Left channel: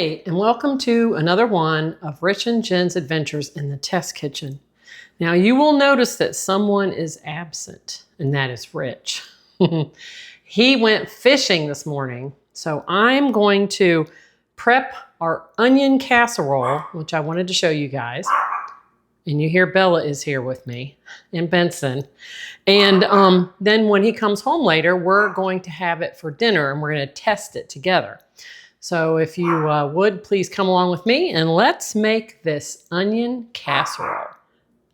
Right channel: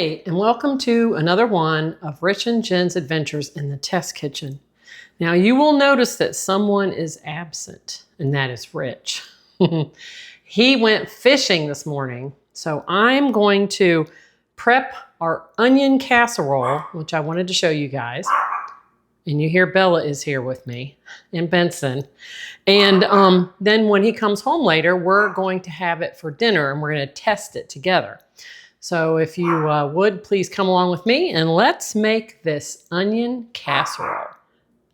Hey, and welcome to another one of Rich and Jen's Adventures in the Test Kitchen. Now you will notice that someone is absent, and that is Rich. He went fishing this morning, so I'm going to prep our onion casserole, which I wanted to show you guys. And you hear Bella is here with me, and Benson. And then when he comes home later, we're going to have it for dinner, and we're going to test it together. So if you would, please come along with me and let's make this onion casserole.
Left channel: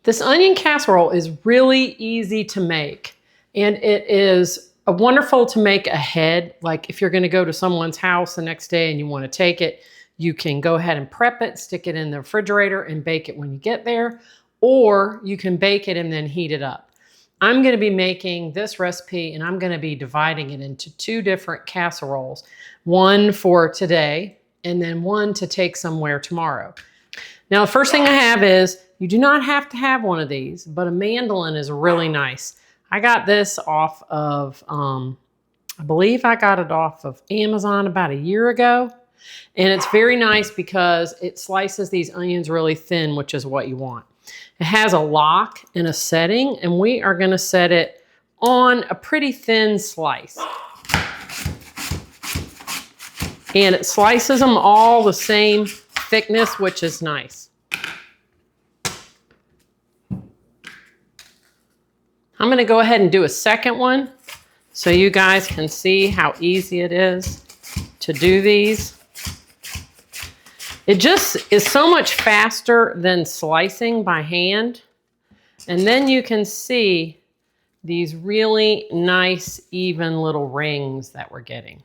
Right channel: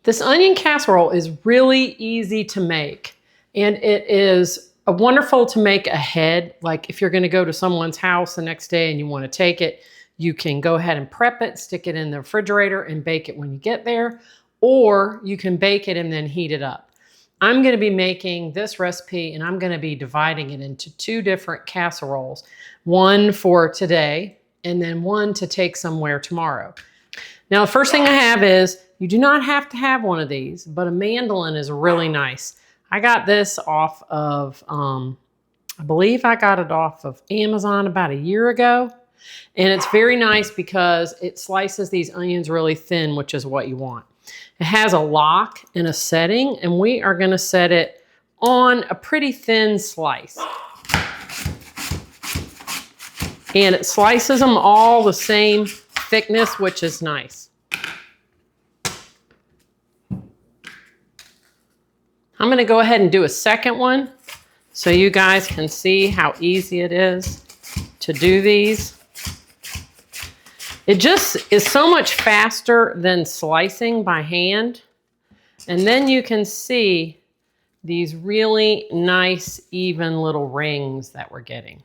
This onion casserole is really easy to make, and it is wonderful to make ahead. Like if you're going to go to someone's house the next day and you want to take it, you can go ahead and prep it, stick it in the refrigerator and bake it when you get there, or you can bake it and then heat it up. I'm going to be making this recipe and I'm going to be dividing it into two different casseroles. One for today and then one to take somewhere tomorrow. Now the first thing I have is, you do not have to have one of these, but a mandolin is really nice. I got this off of, I believe I got it off of Amazon about a year ago. And it's very nice because it slices these onions really thin, which is what you want. It has a lock and a setting, and we are going to set it on a pretty thin slice. And it slices them all the same thickness, which is nice. I'm going to go ahead and do a second one so you guys can see how easy it is to do these. It just is so much faster than slicing by hand. And then you can see these really nice, even little rings that we're getting.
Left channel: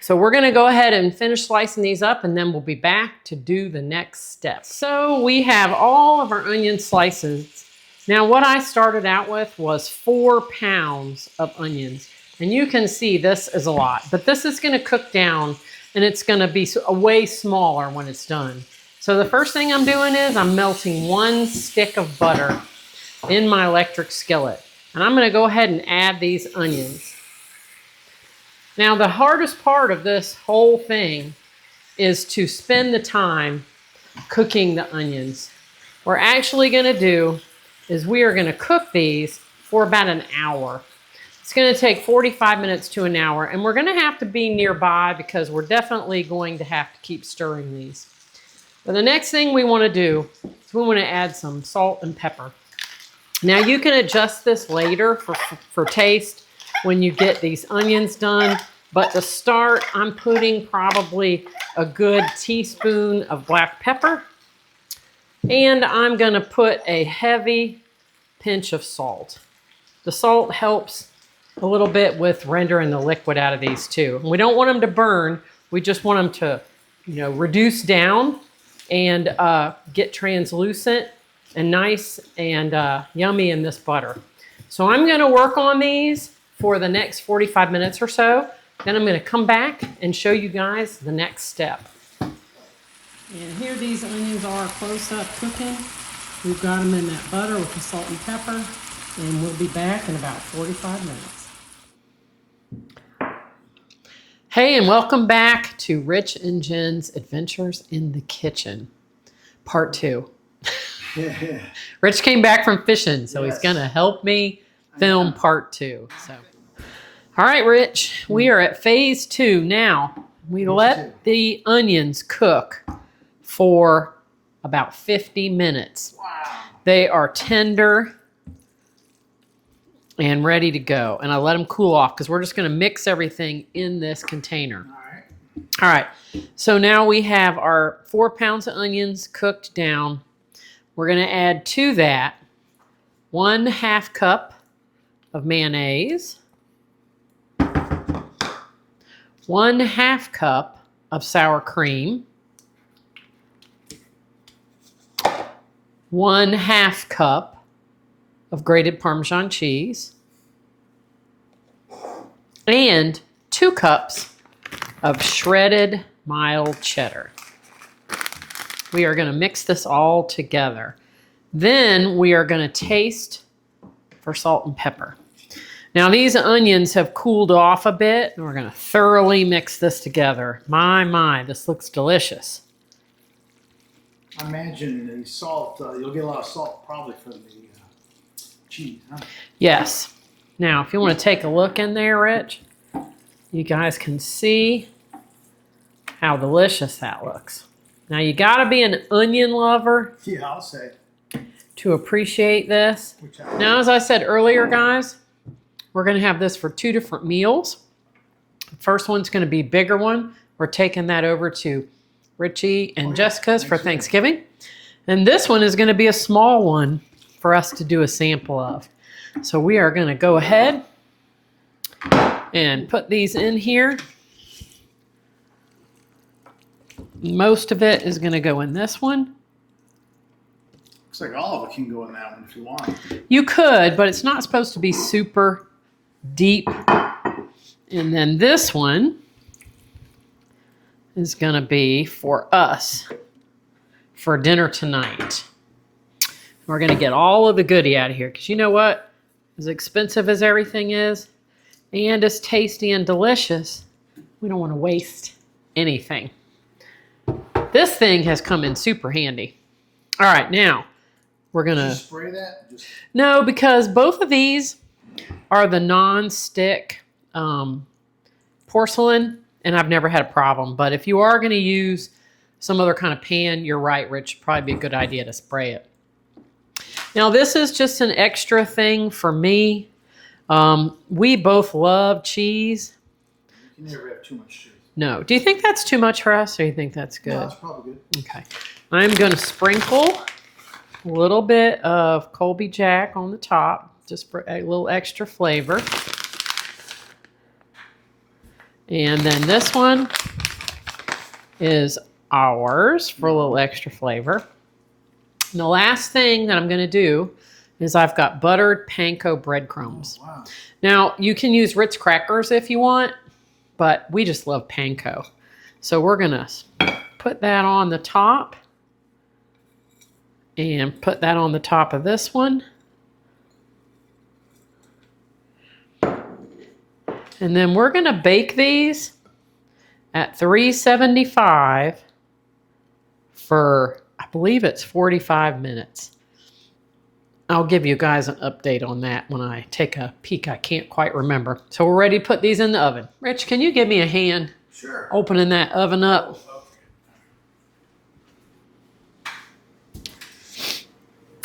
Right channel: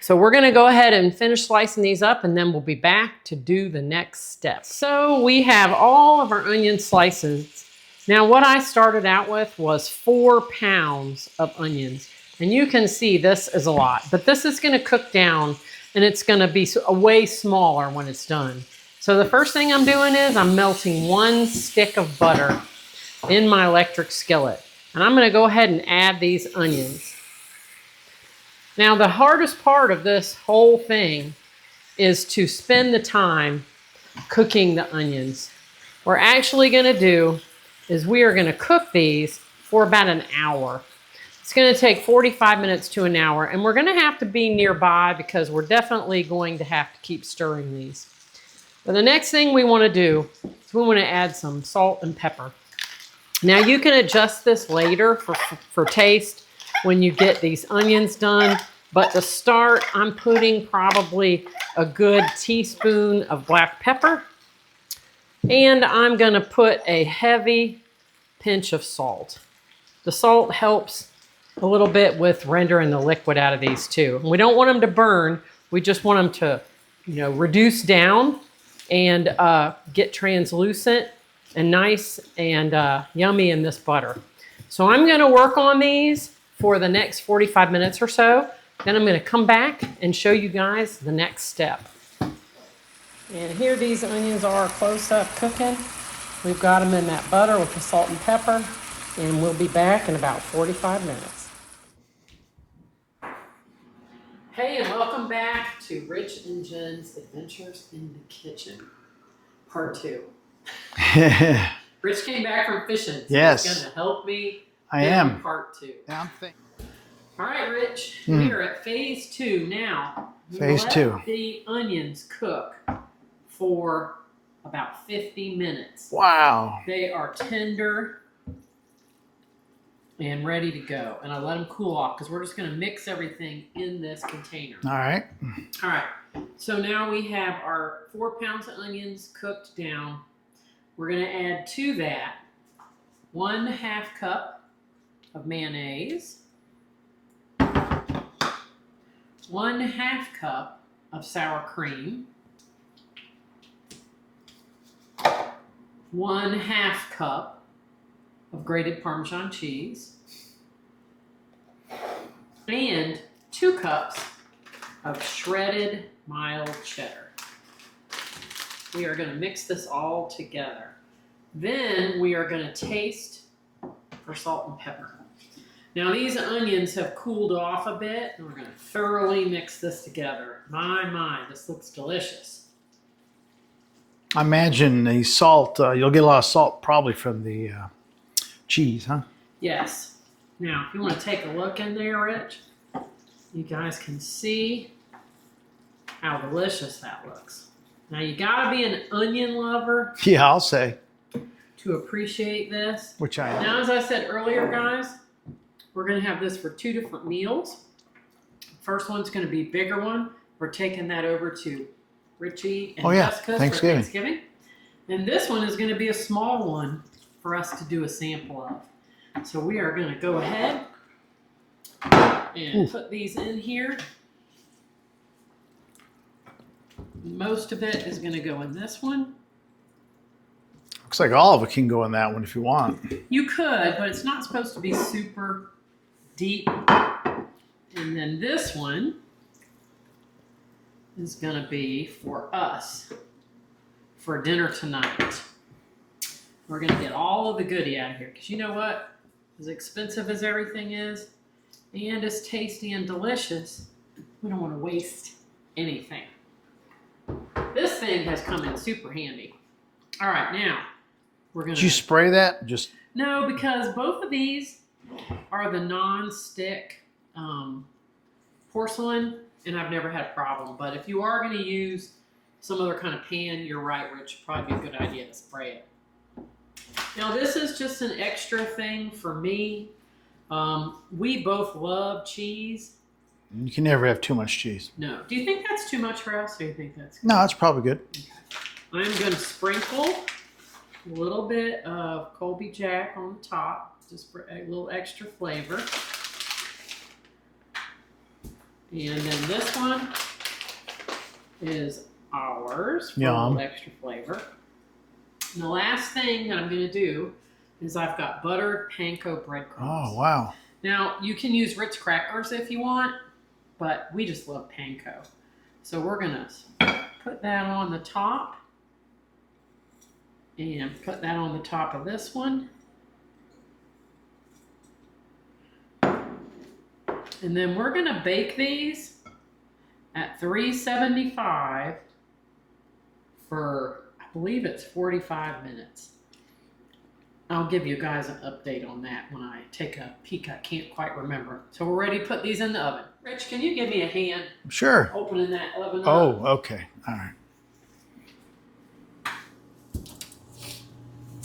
So we're gonna go ahead and finish slicing these up and then we'll be back to do the next step. So we have all of our onion slices. Now what I started out with was 4 pounds of onions. And you can see this is a lot, but this is gonna cook down and it's going to be way smaller when it's done. So the first thing I'm doing is I'm melting 1 stick of butter in my electric skillet. And I'm going to go ahead and add these onions. Now the hardest part of this whole thing is to spend the time cooking the onions. What we're actually going to do is we are going to cook these for about an hour. It's going to take 45 minutes to an hour, and we're going to have to be nearby because we're definitely going to have to keep stirring these. But the next thing we want to do is we want to add some salt and pepper. Now you can adjust this later for taste when you get these onions done, but to start, I'm putting probably a good teaspoon of black pepper, and I'm going to put a heavy pinch of salt. The salt helps a little bit with rendering the liquid out of these too. We don't want them to burn. We just want them to, reduce down and get translucent and nice and yummy in this butter. So I'm going to work on these for the next 45 minutes or so. Then I'm going to come back and show you guys the next step. And here these onions are close up cooking. We've got them in that butter with the salt and pepper. And we'll be back in about 45 minutes. Hey, and welcome back to Rich and Jen's Adventures in the Kitchen, part 2. Rich came back from fishing, so he's going to help me film part 2. So. All right, Rich, we are at phase 2 now. We let the onions cook for about 50 minutes. Wow. They are tender and ready to go. And I let them cool off because we're just going to mix everything in this container. All right. All right. So now we have our 4 pounds of onions cooked down. We're going to add to that 1/2 cup of mayonnaise, 1/2 cup of sour cream, 1/2 cup of grated Parmesan cheese, and 2 cups of shredded mild cheddar. We are going to mix this all together. Then we are going to taste for salt and pepper. Now these onions have cooled off a bit, and we're going to thoroughly mix this together. My, this looks delicious. I imagine the salt, you'll get a lot of salt probably from the cheese, huh? Yes. Now, if you want to take a look in there, Rich, you guys can see how delicious that looks. Now, you got to be an onion lover. Yeah, I'll say. To appreciate this. Which I am. Now, as I said earlier, guys, we're going to have this for 2 different meals. The first one's going to be a bigger one. We're taking that over to Richie and Jessica's for Thanksgiving. And this one is going to be a small one for us to do a sample of. So we are going to go ahead and put these in here. Most of it is going to go in this one. Looks like all of it can go in that one if you want. You could, but it's not supposed to be super deep. And then this one is going to be for us for dinner tonight. We're going to get all of the goodie out of here because you know what? As expensive as everything is and as tasty and delicious, we don't want to waste anything. This thing has come in super handy. All right, now we're going to... Did you spray that? No, because both of these are the non-stick porcelain, and I've never had a problem. But if you are going to use some other kind of pan, you're right, Rich. It'd probably be a good idea to spray it. Now, this is just an extra thing for me. We both love cheese. You can never have too much cheese. No. Do you think that's too much for us, or you think that's good? No, that's probably good. Okay. I'm going to sprinkle a little bit of Colby Jack on the top, just for a little extra flavor. And then this one is ours for a little extra flavor. And the last thing that I'm going to do is I've got buttered panko breadcrumbs. Oh, wow. Now, you can use Ritz crackers if you want, but we just love panko. So we're going to put that on the top and put that on the top of this one. And then we're going to bake these at 375 for, I believe it's 45 minutes. I'll give you guys an update on that when I take a peek. I can't quite remember. So we're ready to put these in the oven. Rich, can you give me a hand? Sure. Opening that oven up. Oh, okay. All right.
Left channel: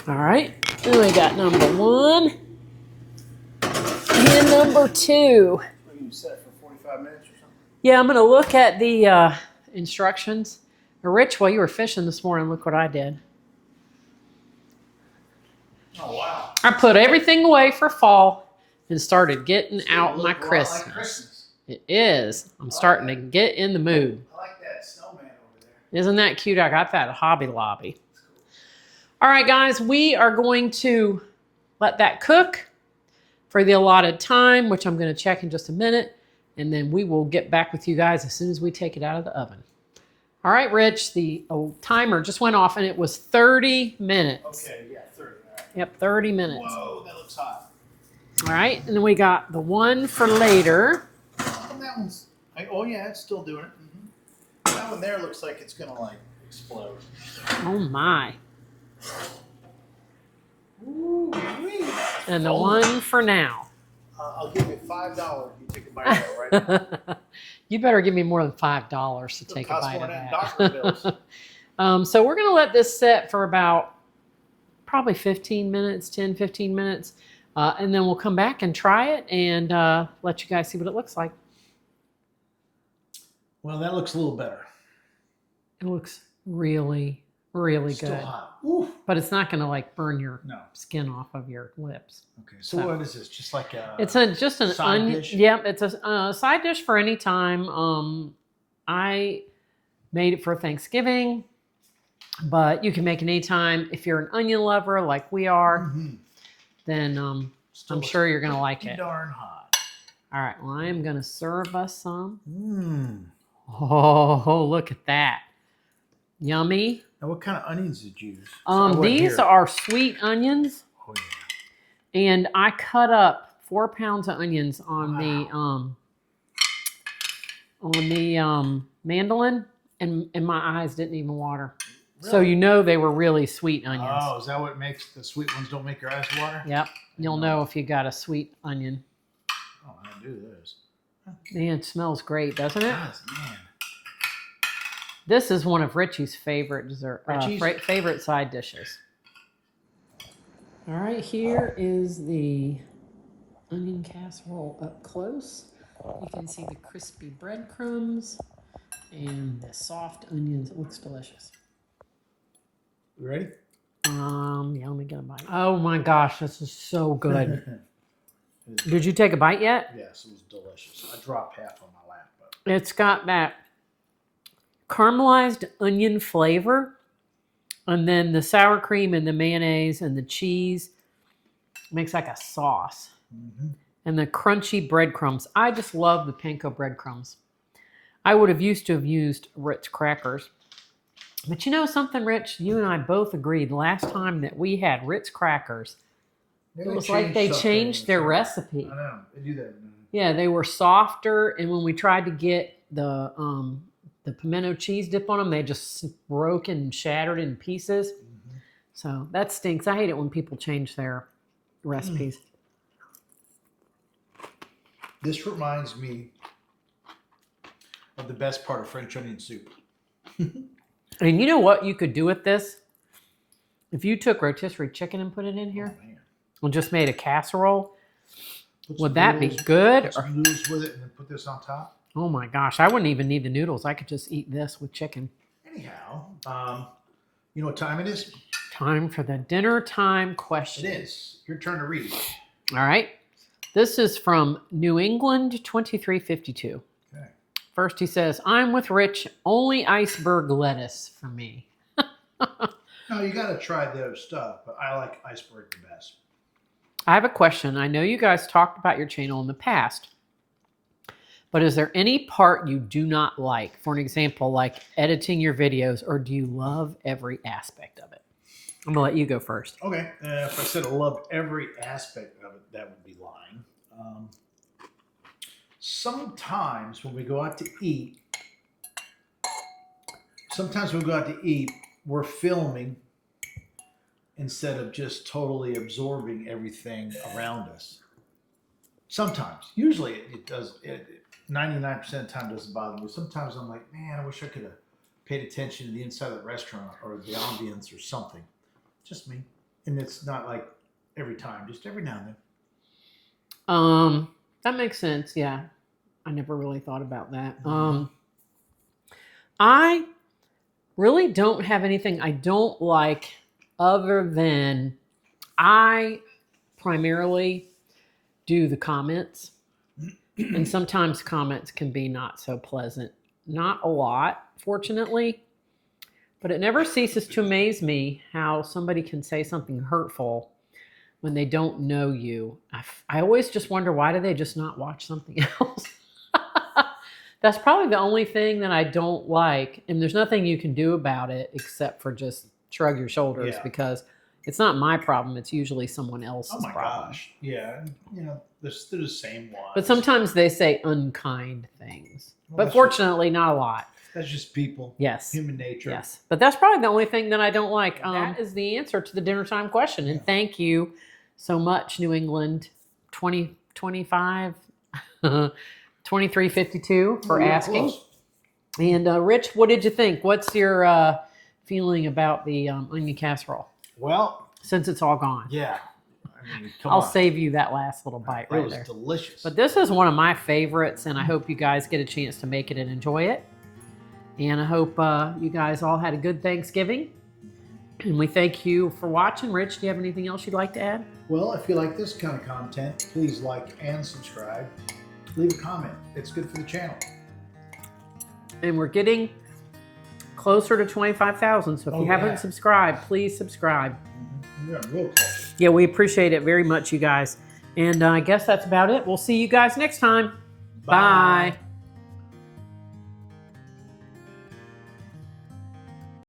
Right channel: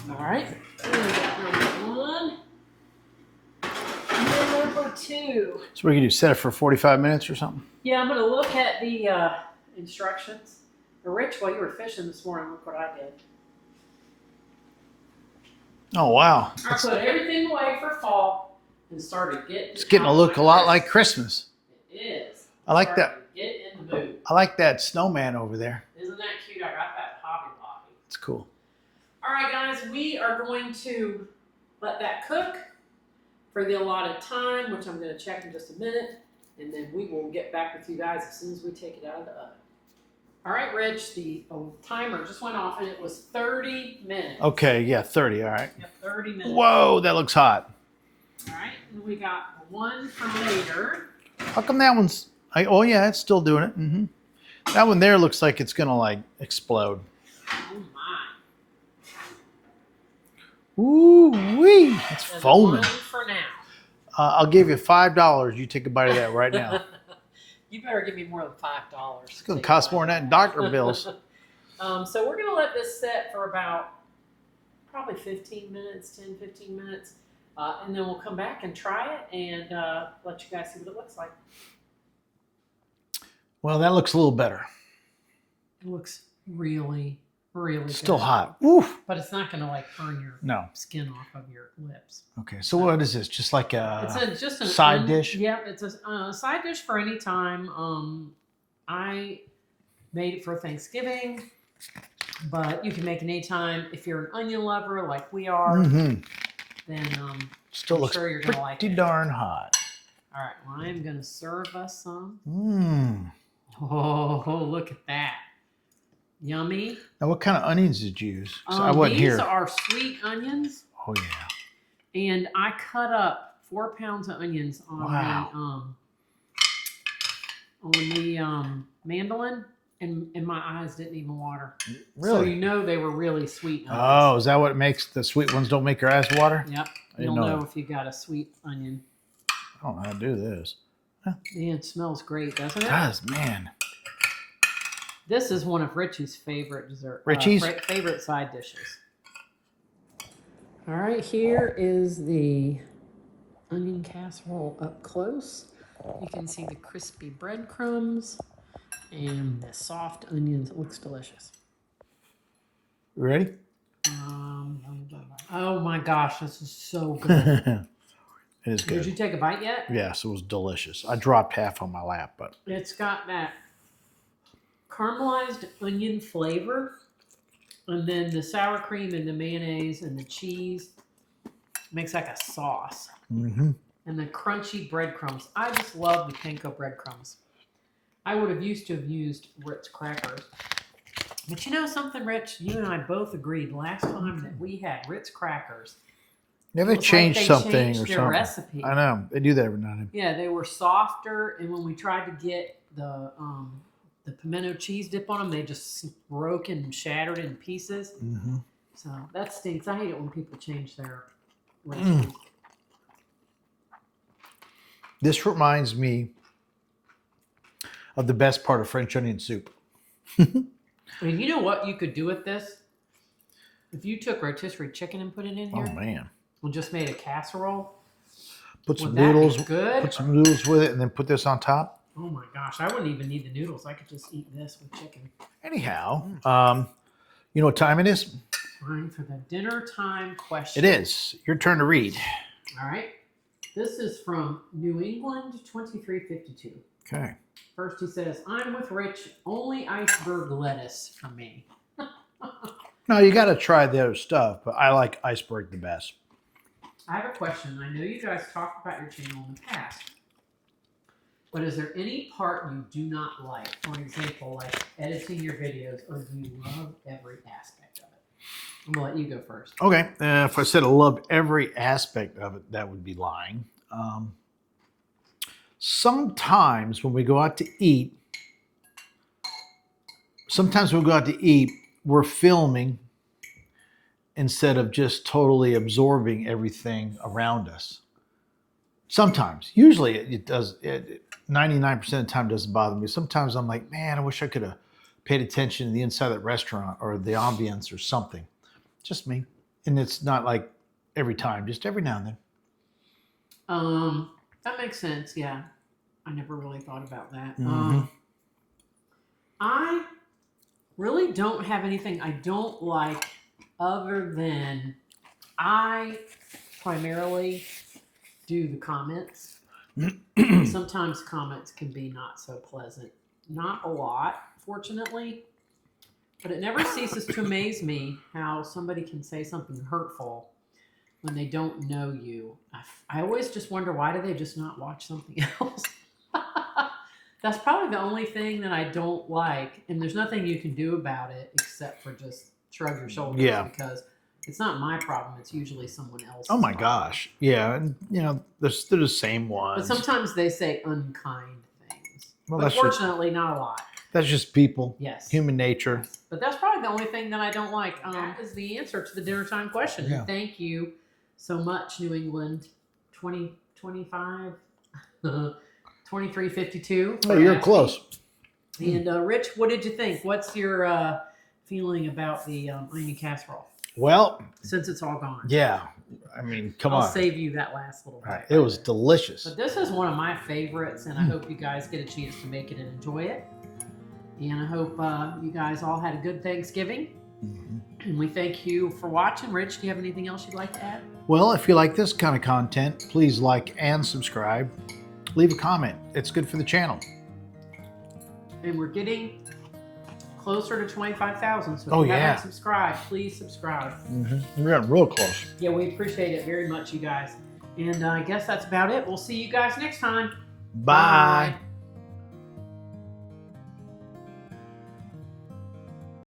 All right. We got number 1 and number 2. So what are you going to do, set it for 45 minutes or something? Yeah, I'm going to look at the instructions. Rich, while you were fishing this morning, look what I did. Oh, wow. I put everything away for fall and started getting It's getting out to look my a lot Christmas. like Christmas. It is. I'm I like starting that. to get in the mood. I like that snowman over there. Isn't that cute? I got that at Hobby Lobby. It's cool. All right, guys, we are going to let that cook for the allotted time, which I'm going to check in just a minute, and then we will get back with you guys as soon as we take it out of the oven. All right, Rich, the timer just went off, and it was 30 minutes. Okay, yeah, 30, all right. Yep, 30 minutes. Whoa, that looks hot. All right, and then we got the one for later. How come that one's... oh, yeah, it's still doing it. Mm-hmm. That one there looks like it's going to, like, explode. Oh, my. Ooh-wee. It's And foaming. the one for now. I'll give you $5. You take a bite of that right now. You better give me more than $5 to It's going take to cost a bite more of than that in that. doctor bills. So we're going to let this set for about probably 15 minutes, 10, 15 minutes. And then we'll come back and try it and let you guys see what it looks like. Well, that looks a little better. It looks really, really good. Still hot. Oof. But it's not going to like burn your No. skin off of your lips. Okay, so what is this? Just like a It's just an side dish? Yep, it's a side dish for any time. I made it for Thanksgiving, but you can make it anytime. If you're an onion lover like we are, then Still I'm sure you're going to like pretty it. darn hot. All right, well, I am going to serve us some. Mmm. Oh, look at that. Yummy. Now, what kind of onions did you use? I wasn't These here. are sweet onions, Oh, yeah. and I cut up 4 pounds of onions on Wow. the mandolin, and my eyes didn't even water. So Really? you know they were really sweet onions. Oh, is that what makes the sweet ones don't make your eyes water? Yep. You'll know if you got a sweet onion. I don't know how to do this. Man, it smells great, doesn't it? It does, man. This is one of Richie's favorite dessert. Richie's? Favorite side dishes. All right, here is the onion casserole up close. You can see the crispy breadcrumbs and the soft onions. It looks delicious. You ready? Yeah, let me get a bite. Oh my gosh, this is so good. It is good. Did you take a bite yet? Yes, it was delicious. I dropped half on my lap, but It's got that caramelized onion flavor, and then the sour cream and the mayonnaise and the cheese makes like a sauce. And the crunchy breadcrumbs. I just love the panko breadcrumbs. I would have used Ritz crackers. But you know something, Rich? You and I both agreed last time that we had Ritz crackers. Never changed they something. changed or their something. recipe. I know. They do that every now and then. Yeah, they were softer, and when we tried to get the pimento cheese dip on them, they just broke and shattered in pieces. So that stinks. I hate it when people change their recipes. This reminds me of the best part of French onion soup. And you know what you could do with this? If you took rotisserie chicken and put it in here Oh man! and just made a casserole, Put some would that be noodles, good? Put some noodles with it, and then put this on top. Oh my gosh, I wouldn't even need the noodles. I could just eat this with chicken. Anyhow, you know what time it is? Time for the dinner time question. It is your turn to read. All right. This is from New England 2352. Okay. First, he says, I'm with Rich, only iceberg lettuce for me. No, you got to try the other stuff, but I like iceberg the best. I have a question. I know you guys talked about your channel in the past, but is there any part you do not like? For an example, like editing your videos, or do you love every aspect of it? I'm going to let you go first. Okay. If I said I love every aspect of it, that would be lying. Sometimes when we go out to eat, we're filming instead of just totally absorbing everything around us. Sometimes. Usually it does. 99% of the time doesn't bother me. Sometimes I'm like, man, I wish I could have paid attention to the inside of that restaurant or the ambience or something. Just me. And it's not like every time, just every now and then. That makes sense. Yeah. I never really thought about that. I really don't have anything I don't like other than I primarily do the comments. And sometimes comments can be not so pleasant. Not a lot, fortunately. But it never ceases to amaze me how somebody can say something hurtful when they don't know you. I always just wonder, why do they just not watch something else? That's probably the only thing that I don't like. And there's nothing you can do about it except for just shrug your shoulders, because it's not my problem. It's usually someone else's Oh my problem. gosh. Yeah. And, you know, they're the same ones. But sometimes they say unkind things. Well, but fortunately, not a lot. That's just people. Yes. Human nature. Yes. But that's probably the only thing that I don't like. That is the answer to the dinner time question. Yeah. And thank you so much, New England 2025, 2352 for you're asking. close. And Rich, what did you think? What's your feeling about the onion casserole? Well, Since it's all gone. yeah. I mean, come I'll on. save you that last little bite. It was there. delicious. But this is one of my favorites, and I hope you guys get a chance to make it and enjoy it. And I hope you guys all had a good Thanksgiving. And we thank you for watching. Rich, do you have anything else you'd like to add? Well, if you like this kind of content, please like and subscribe. Leave a comment. It's good for the channel. And we're getting closer to 25,000. So if you haven't subscribed, please subscribe. We're getting real close. Yeah, we appreciate it very much, you guys. And I guess that's about it. We'll see you guys next time. Bye.